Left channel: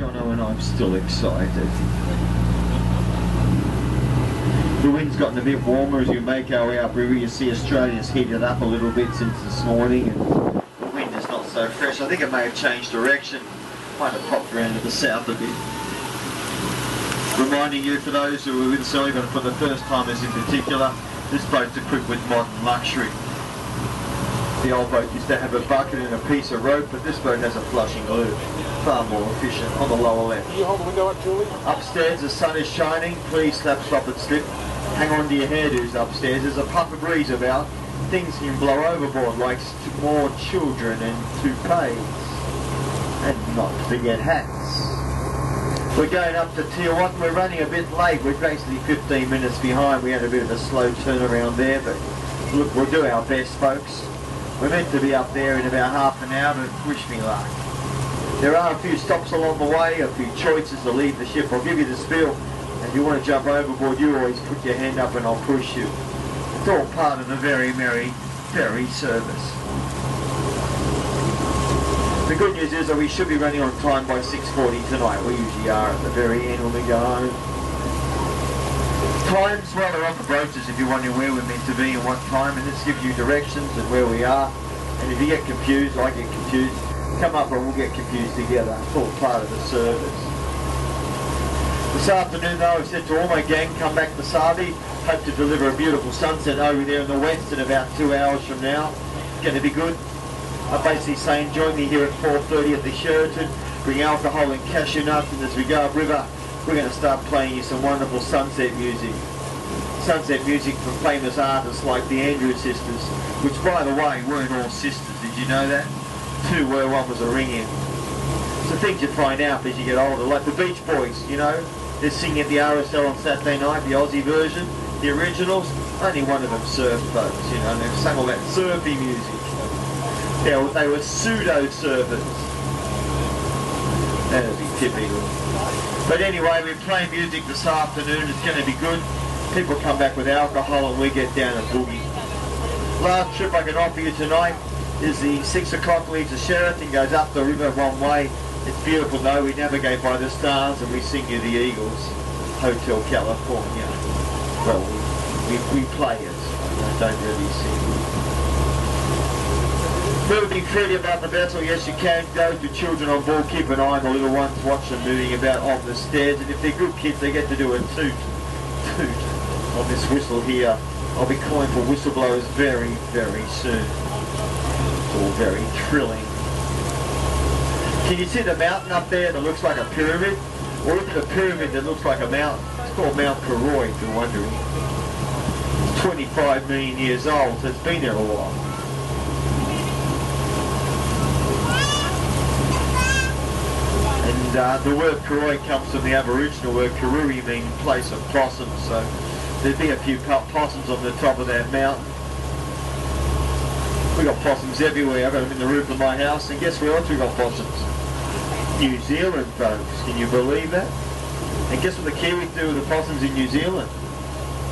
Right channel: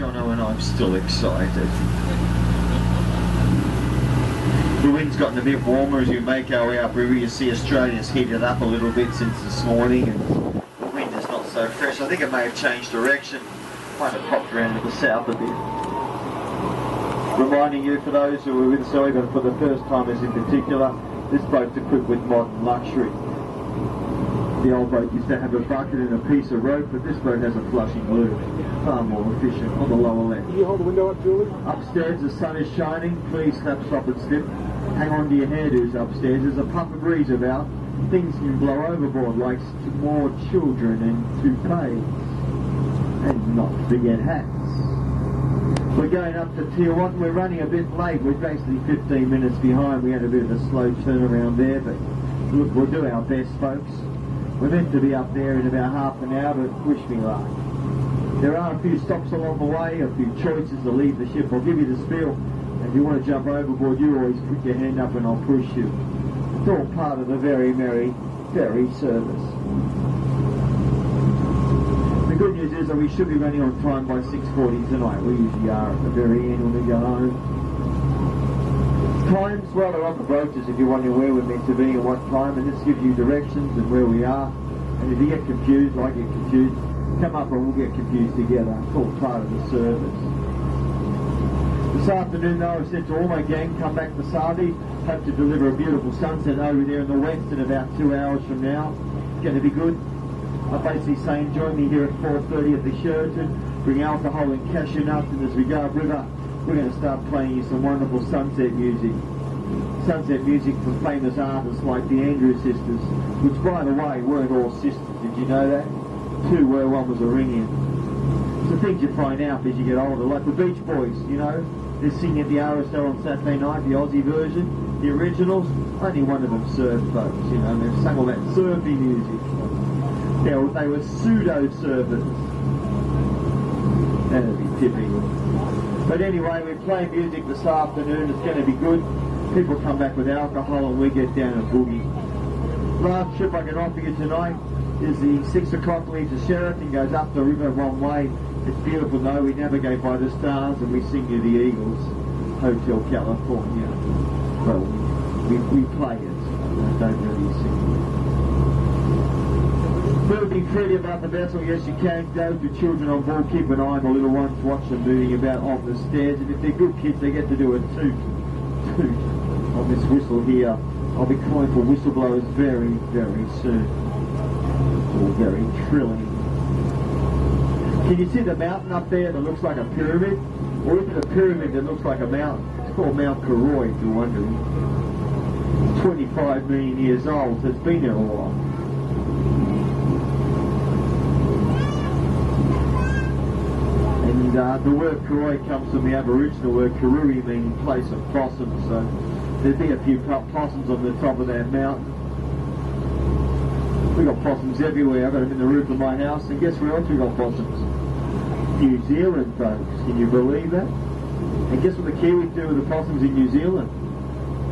Jono, and I'm still excited. The wind's gotten a bit warmer as we make our way upriver. You see Australia's heated up a little bit since this morning, and the wind is not so fresh. I think it may have changed direction. Might have popped around to the south a bit. Reminding you, for those who are with us early, but for the first timers in particular, this boat's equipped with modern luxury. The old boat used to have a bucket and a piece of rope, but this boat has a flushing lure. Far more efficient on the lower left. Can you hold the window up, Julie? Upstairs, the sun is shining. Please slap, stop and slip. Hang on to your hairdos upstairs. There's a puff of breeze about. Things can blow overboard like more children and toupees. And not to forget hats. We're going up to Tier 1. We're running a bit late. We're basically 15 minutes behind. We had a bit of a slow turnaround there, but look, we'll do our best, folks. We're meant to be up there in about half an hour, but wish me luck. There are a few stops along the way, a few choices to leave the ship. I'll give you the spiel. If you want to jump overboard, you always put your hand up and I'll push you. It's all part of the very merry ferry service. The good news is that we should be running on time by 6:40 tonight. We usually are at the very end when we go home. Times, well, they're on the brochures if you're wondering where we're meant to be and what time, and this gives you directions and where we are. And if you get confused, I get confused, come up and we'll get confused together. It's all part of the service. This afternoon, though, I've said to all my gang, come back to Savi. Hope to deliver a beautiful sunset over there in the west in about 2 hours from now. It's going to be good. I'm basically saying join me here at 4:30 at the Sheraton. Bring alcohol and cashew nuts, and as we go upriver, we're going to start playing you some wonderful sunset music. Sunset music from famous artists like the Andrews sisters, which, by the way, weren't all sisters. Did you know that? Two were, one was a ring-in. So things you find out as you get older, like the Beach Boys, you know. They're singing at the RSL on Saturday night, the Aussie version, the originals. Only one of them surfed, folks, you know, and they've sung all that surfy music. They were pseudo-surfers. That would be typical. But anyway, we're playing music this afternoon. It's going to be good. People come back with alcohol and we get down a boogie. Last trip I can offer you tonight is the 6 o'clock leaves the Sheraton, goes up the river one way. It's beautiful, though. We navigate by the stars and we sing you the Eagles, Hotel California. Well, we play it, I don't really sing. Moving freely about the vessel, yes you can. Those with children on board, keep an eye on the little ones, watch them moving about on the stairs, and if they're good kids they get to do a toot on this whistle here. I'll be calling for whistleblowers very, very soon. It's all very thrilling. Can you see the mountain up there that looks like a pyramid? Or look at the pyramid that looks like a mountain. It's called Mount Karoi, if you're wondering. It's 25 million years old, so it's been there a while. And the word Karoi comes from the Aboriginal word Karuri, meaning place of possums, so there'd be a few possums on the top of that mountain. We've got possums everywhere. I've got them in the roof of my house, and guess where else we've got possums? New Zealand, folks. Can you believe that? And guess what the Kiwis do with the possums in New Zealand?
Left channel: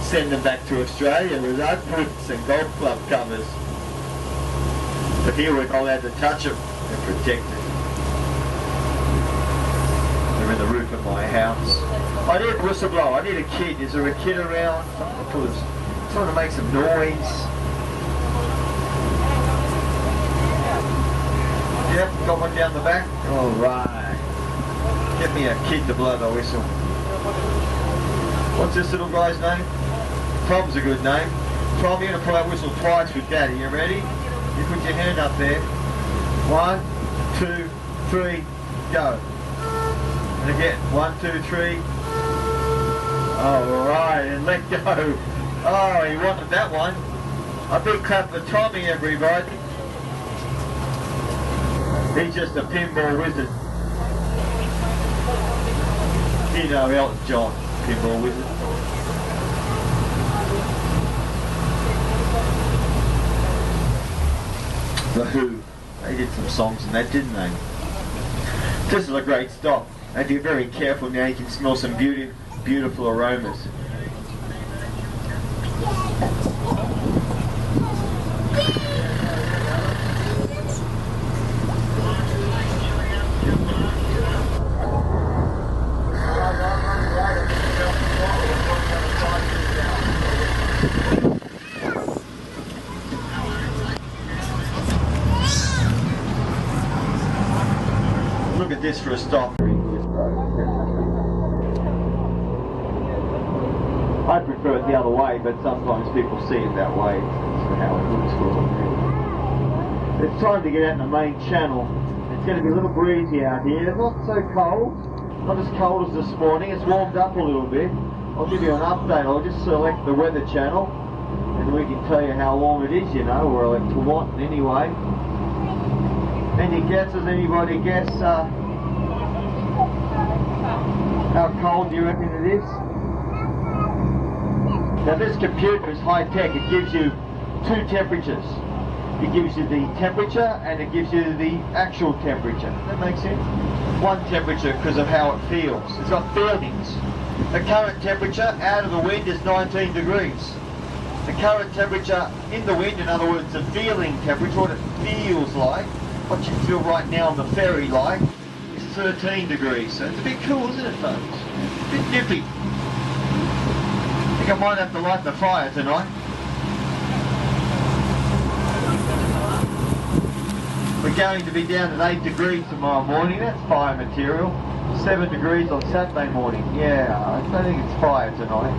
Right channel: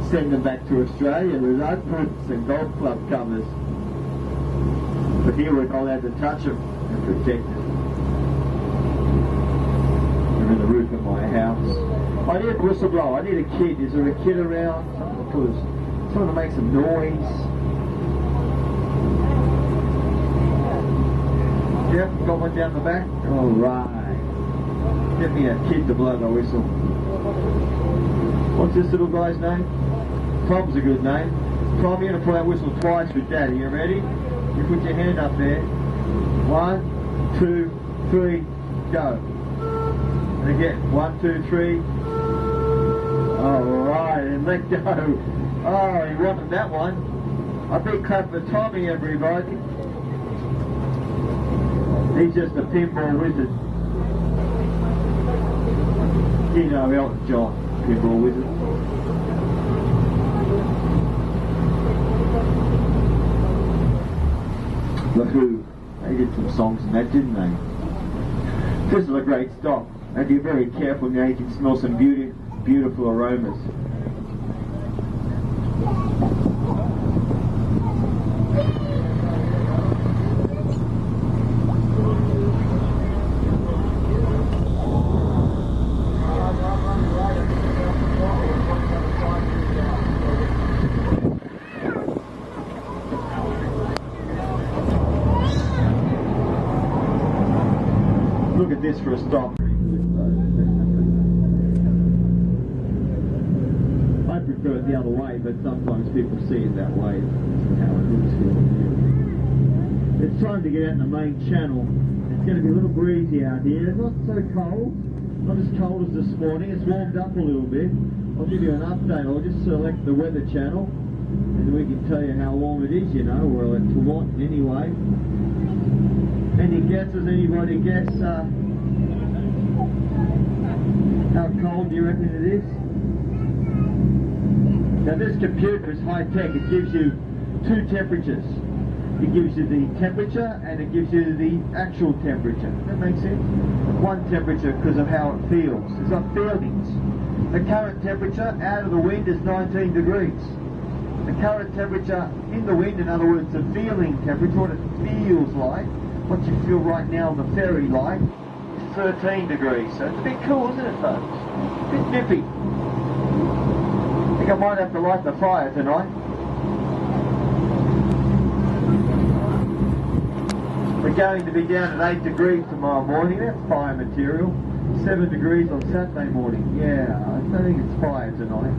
Send them back to Australia with oak boots and golf club covers. But here we're not allowed to touch them and protect them. They're in the roof of my house. I need a whistleblower. I need a kid. Is there a kid around? Someone to make some noise. Yep, got one down the back. All right. Get me a kid to blow the whistle. What's this little guy's name? Tom's a good name. Tom, you're going to pull that whistle twice with Daddy. You ready? You put your hand up there. 1, 2, 3, go. And again, 1, 2, 3. All right, and let go. Oh, he wanted that one. A big clap for Tommy, everybody. He's just a pinball wizard. You know Elton John, pinball wizard. The Who, they did some songs in that, didn't they? This is a great stop. And if you're very careful now, you can smell some beautiful aromas. look at this for a stop. I prefer it the other way, but sometimes people see it that way. That's how it looks for them. It's time to get out in the main channel. It's going to be a little breezy out here, not so cold, not as cold as this morning. It's warmed up a little bit. I'll give you an update. I'll just select the weather channel and we can tell you how warm it is, you know, or like to what anyway. Any guesses? Anybody guess how cold do you reckon it is? Now this computer is high tech. It gives you two temperatures. It gives you the temperature and it gives you the actual temperature. Does that make sense? One temperature because of how it feels. It's got feelings. The current temperature out of the wind is 19 degrees. The current temperature in the wind, in other words, the feeling temperature, what it feels like, what you feel right now on the ferry like, is 13 degrees. So it's a bit cool, isn't it, folks? A bit nippy. I think I might have to light the fire tonight. We're going to be down at 8 degrees tomorrow morning. That's fire material. 7 degrees on Saturday morning. Yeah, I don't think it's fire tonight.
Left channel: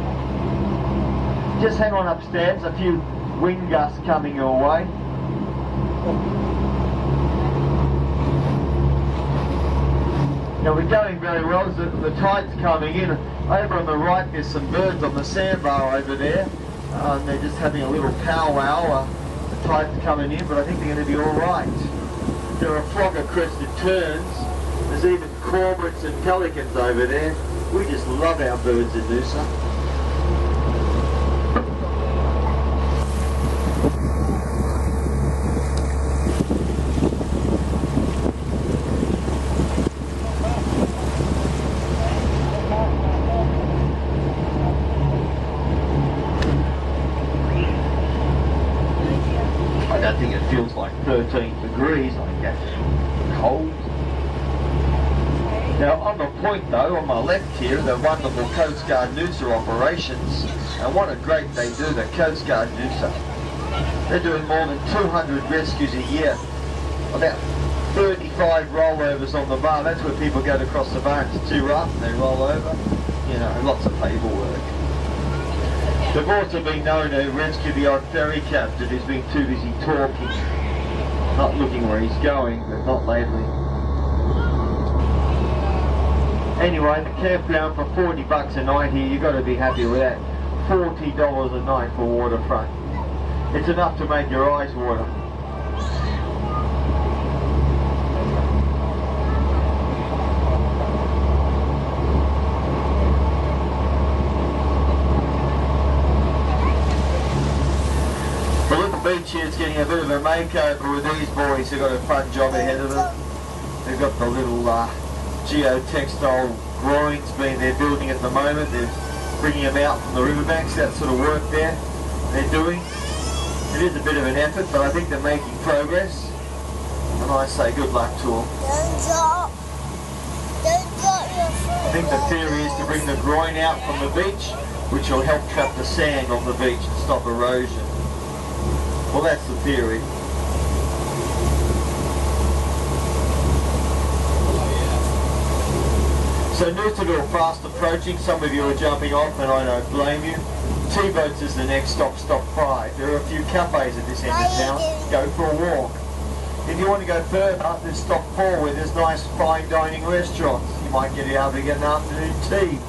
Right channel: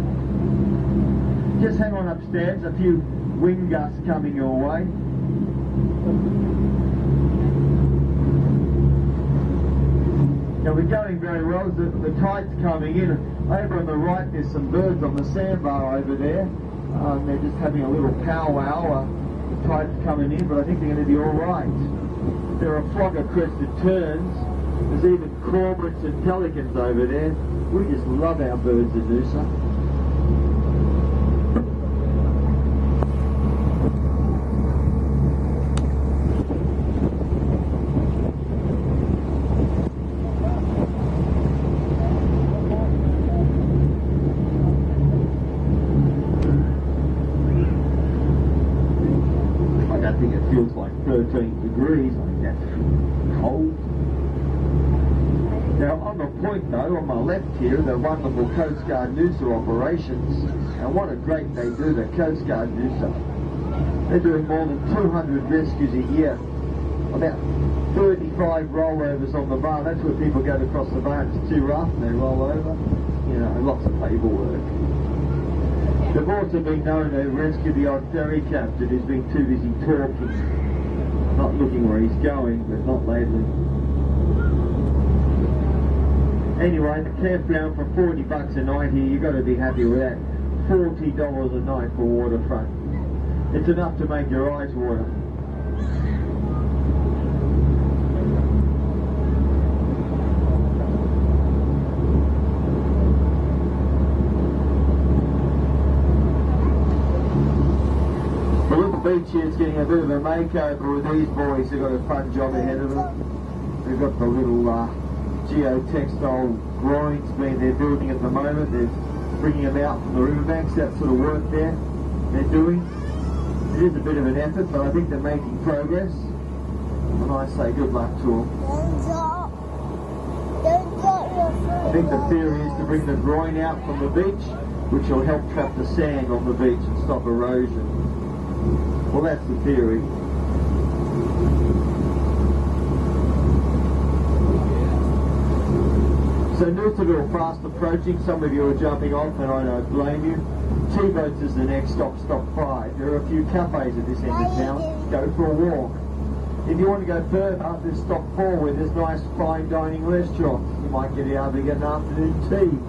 Just hang on upstairs. A few wind gusts coming your way. Now we're going very well. The tide's coming in. Over on the right there's some birds on the sandbar over there. They're just having a little powwow. The tide's coming in, but I think they're going to be alright. There are flock of crested terns. There's even cormorants and pelicans over there. We just love our birds in Noosa. I don't think it feels like 13 degrees. I think that's cold. Now on the point though, on my left here, the wonderful Coast Guard Noosa operations, and what a great they do, the Coast Guard Noosa. They're doing more than 200 rescues a year, about 35 rollovers on the bar. That's where people go to cross the bar, it's too rough and they roll over, you know, lots of paperwork. They've also been known to rescue the odd ferry captain who's been too busy talking, not looking where he's going, but not lately. Anyway, the campground for 40 bucks a night here, you've got to be happy with that. $40 a night for waterfront. It's enough to make your eyes water. The little beach here is getting a bit of a makeover with these boys. They've got a fun job ahead of them. They've got the little geotextile groins they're building at the moment. They're bringing them out from the riverbanks, that sort of work there they're doing. It is a bit of an effort, but I think they're making progress. And I say good luck to them. I think the theory is to bring the groin out from the beach, which will help trap the sand on the beach and stop erosion. Well, that's the theory. So Noosaville fast approaching. Some of you are jumping off and I don't blame you. T-boats is the next stop, stop 5. There are a few cafes at this end of town. Go for a walk. If you want to go further, there's stop 4 where there's nice fine dining restaurants. You might get able to get an afternoon tea.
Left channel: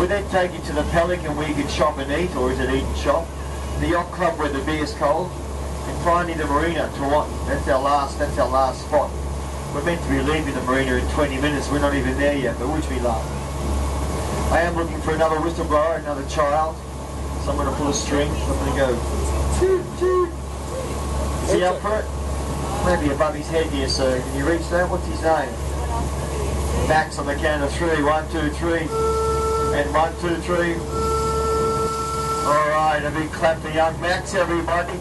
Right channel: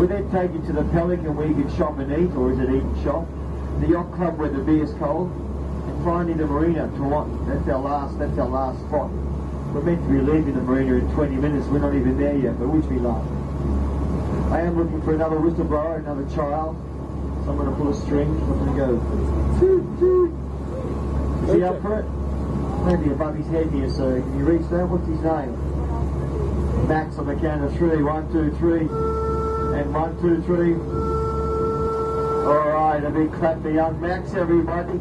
We then take you to the Pelican where you can shop and eat, or is it eat and shop? The yacht club where the beer's cold. And finally the marina, Toronto. That's our last spot. We're meant to be leaving the marina in 20 minutes. We're not even there yet, but wish me luck. I am looking for another whistleblower, another child. Someone to pull a string. I'm going to go. Toot, toot. Is he up for it? Maybe above his head here, so can you reach that? What's his name? Max on the count of 3. 1, 2, 3. And 1, 2, 3. Alright, a big clap for young Max, everybody.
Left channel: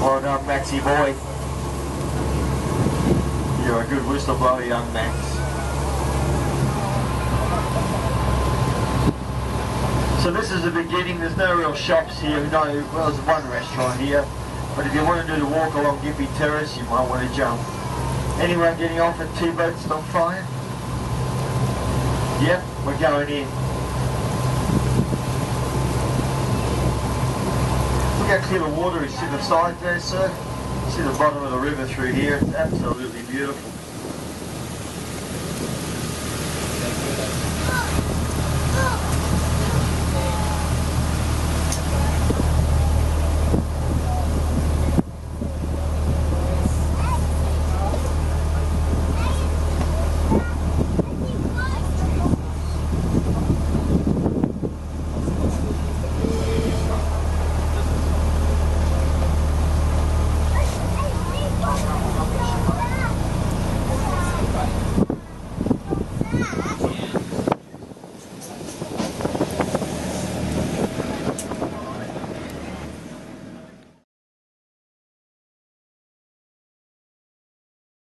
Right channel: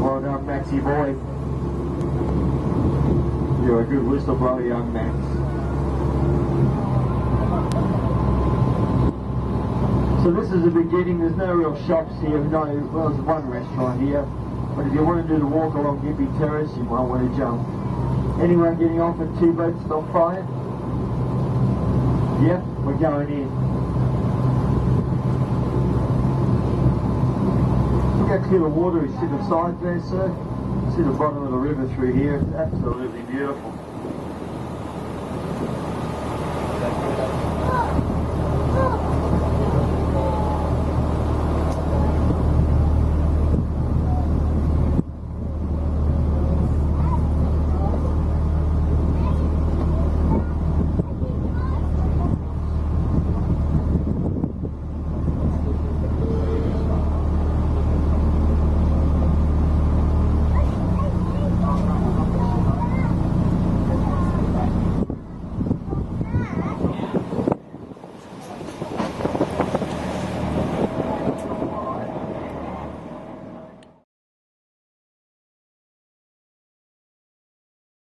Well done, Maxie boy. You're a good whistleblower, young Max. So this is the beginning. There's no real shops here. No, well, there's one restaurant here, But if you want to do the walk along Gippy Terrace, you might want to jump. Anyone getting off at T-Boat Stop Fire? Yep, we're going in. Look how clear the water is to the side there, sir. See the bottom of the river through here. It's absolutely beautiful.